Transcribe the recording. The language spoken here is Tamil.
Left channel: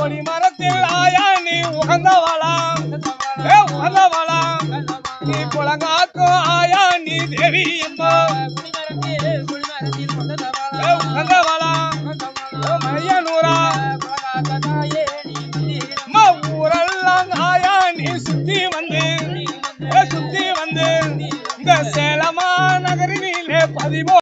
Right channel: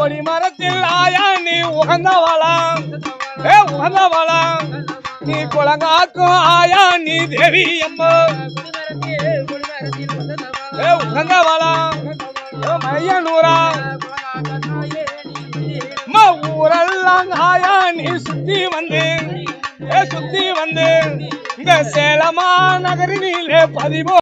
கொடிமரத்தில் ஆயா நீ உகந்தவளாம் நீ குலங்காக்கும் ஆயா நீ தேவி அம்மா உகந்தவளாம் மையனூரா ஊரெல்லாம் ஆயா நீ சுத்தி வந்து இந்த சேலமா நகரிலே பதிவோ